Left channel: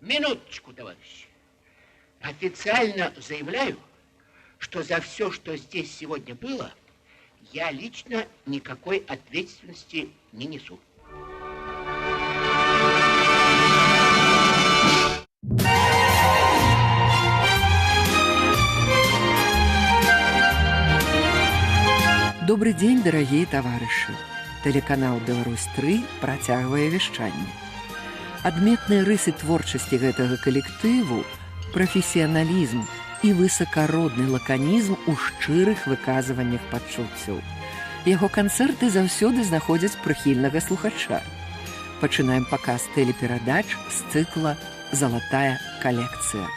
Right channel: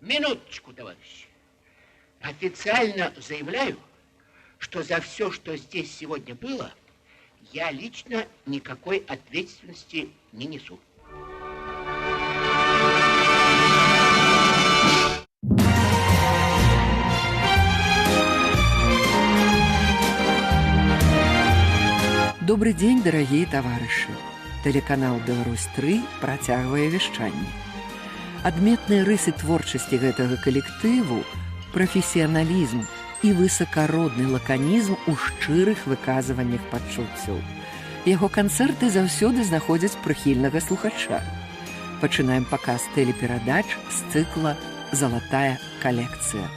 Минуточку, товарищи. Официально заявляю, что за все, что здесь сегодня было, я лично никакой ответственности не несу. Добрый день, дорогие товарищи. Тэлеканал «Беларусь-3» працягвае вяшчанне. Адметныя рысы творчасці гэтага калектыву – прафесіяналізм і высакародны лаканізм у шчырых выказваннях пачуццяў. Яго канцэрты заўсёды знаходзяць прыхільнага слухача. Пачынаем паказ тэлеперадач з цыкла «Залатая калекцыя».